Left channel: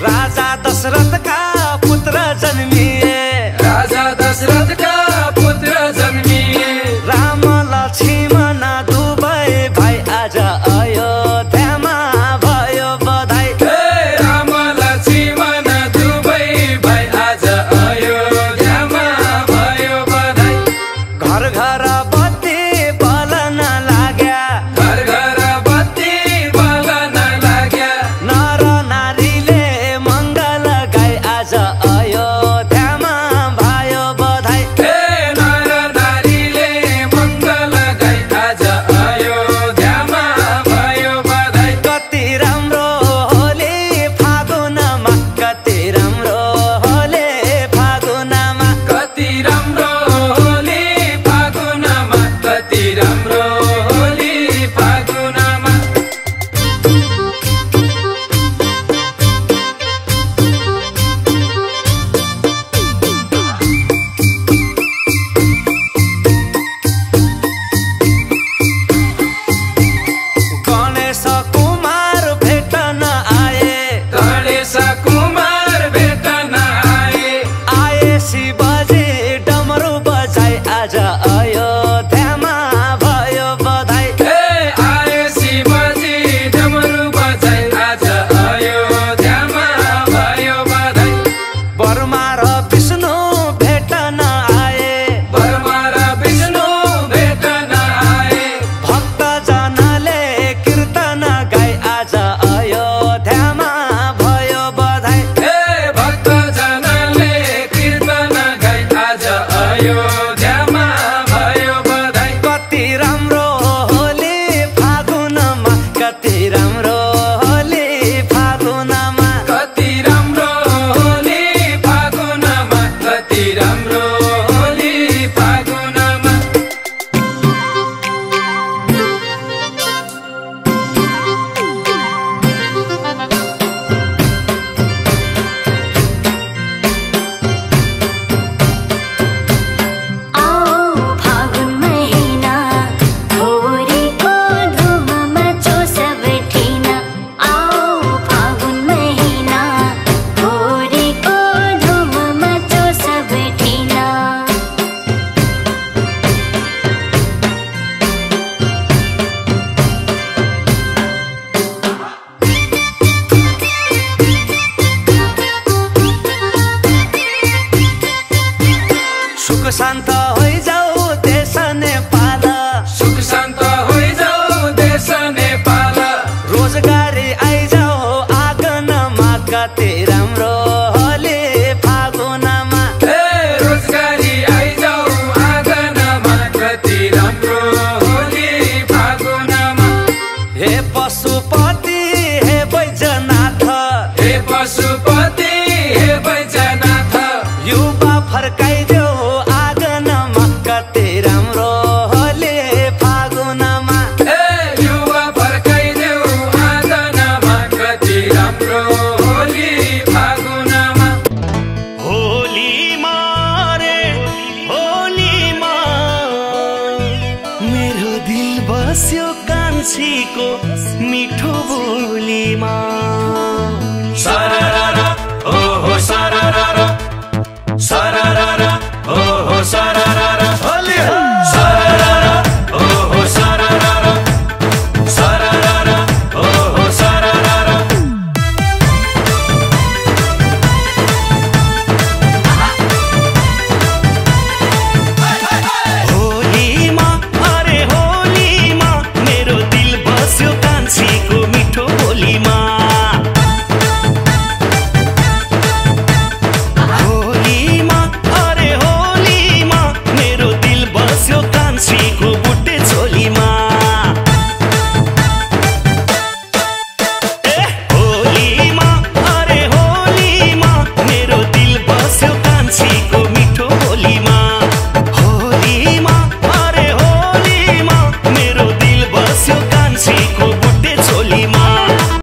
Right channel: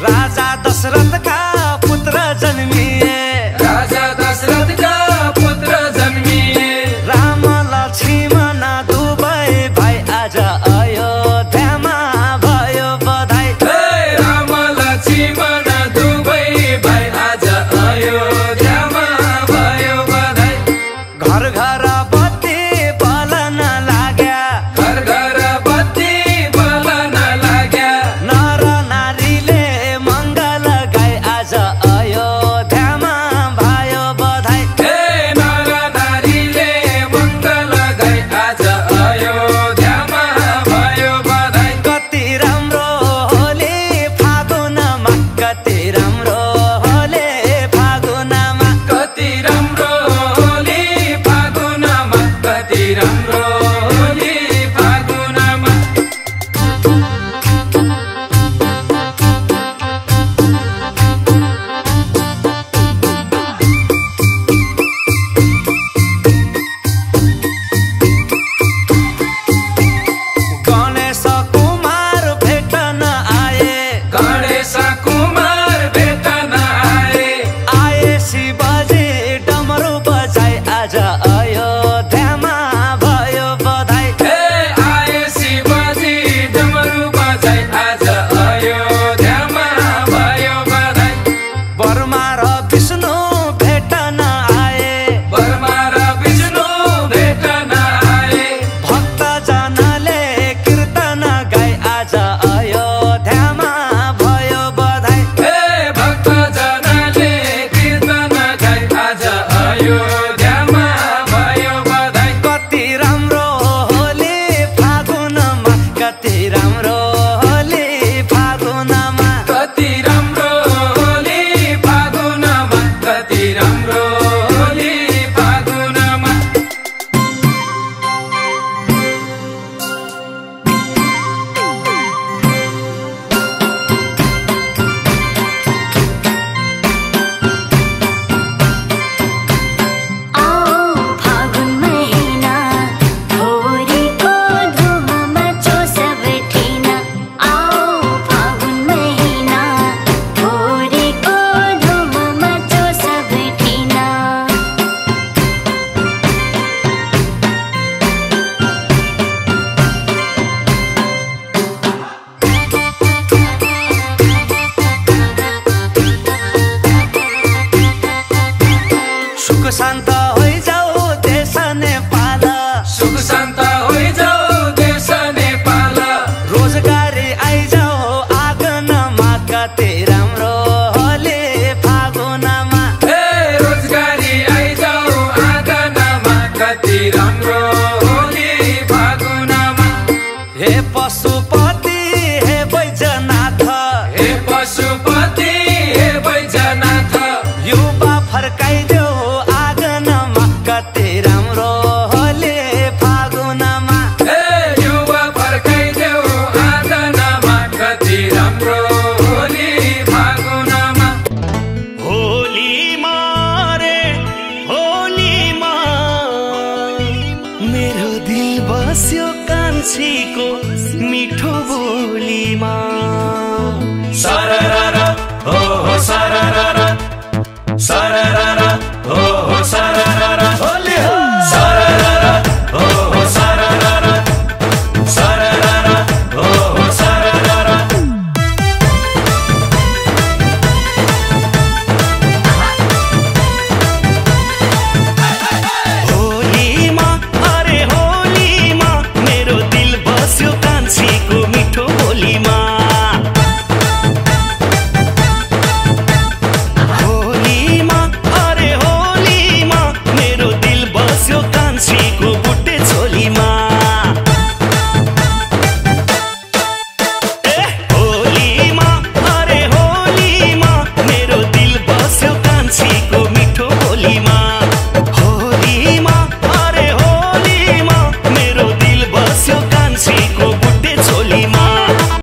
राजा दशरथ का पुत्र जन्मिए, राजा दशरथ का पुत्र जन्मिए। राम लक्ष्मण दुवै भाइ आज अयोध्यामा भयो बधाई। राम लक्ष्मण दुवै भाइ आज अयोध्यामा भयो बधाई। घर घर बत्ती बलन लाग्या, घर घर बत्ती बलन लाग्या। नर नारीले मङ्गल गाई आज अयोध्यामा भयो बधाई। नर नारीले मङ्गल गाई आज अयोध्यामा भयो बधाई। कति राम्रो होली फागुनमा, कति राम्रो होली फागुनमा, कति राम्रो होली फागुनमा, कति राम्रो होली फागुनमा। गणेश कुमार भेटन आए, गणेश कुमार भेटन आए। आए शिवजी डमरू बजाई आज अयोध्यामा भयो बधाई। आए शिवजी डमरू बजाई आज अयोध्यामा भयो बधाई। बर्मा र विष्णु भेटन आए, बर्मा र विष्णु भेटन आए। भक्त जनले कीर्तन गाई आज अयोध्यामा भयो बधाई। भक्त जनले कीर्तन गाई आज अयोध्यामा भयो बधाई। कति राम्रो होली फागुनमा, कति राम्रो होली फागुनमा, कति राम्रो होली फागुनमा, कति राम्रो होली फागुनमा। आओ फागुन महिना होरीको धुम मचो सब ठिना। आओ फागुन महिना होरीको धुम मचो सब ठिना। सुख शान्त होइजाऊ देश नेपाल, सुख शान्त होइजाऊ देश नेपाल। रोजगारी आइजाऊ आँगनमा, कति राम्रो होली फागुनमा, रोजगारी आइजाऊ आँगनमा, कति राम्रो होली फागुनमा। हे पशुपति हे बैजनाथ, हे पशुपति हे बैजनाथ। युवा फर्काइदेऊ आँगनमा, कति राम्रो होली फागुनमा, युवा फर्काइदेऊ आँगनमा, कति राम्रो होली फागुनमा। होलीमा रे होलीमा मेरो दिल बस्यो कान्छीको मिठो बोलीमा।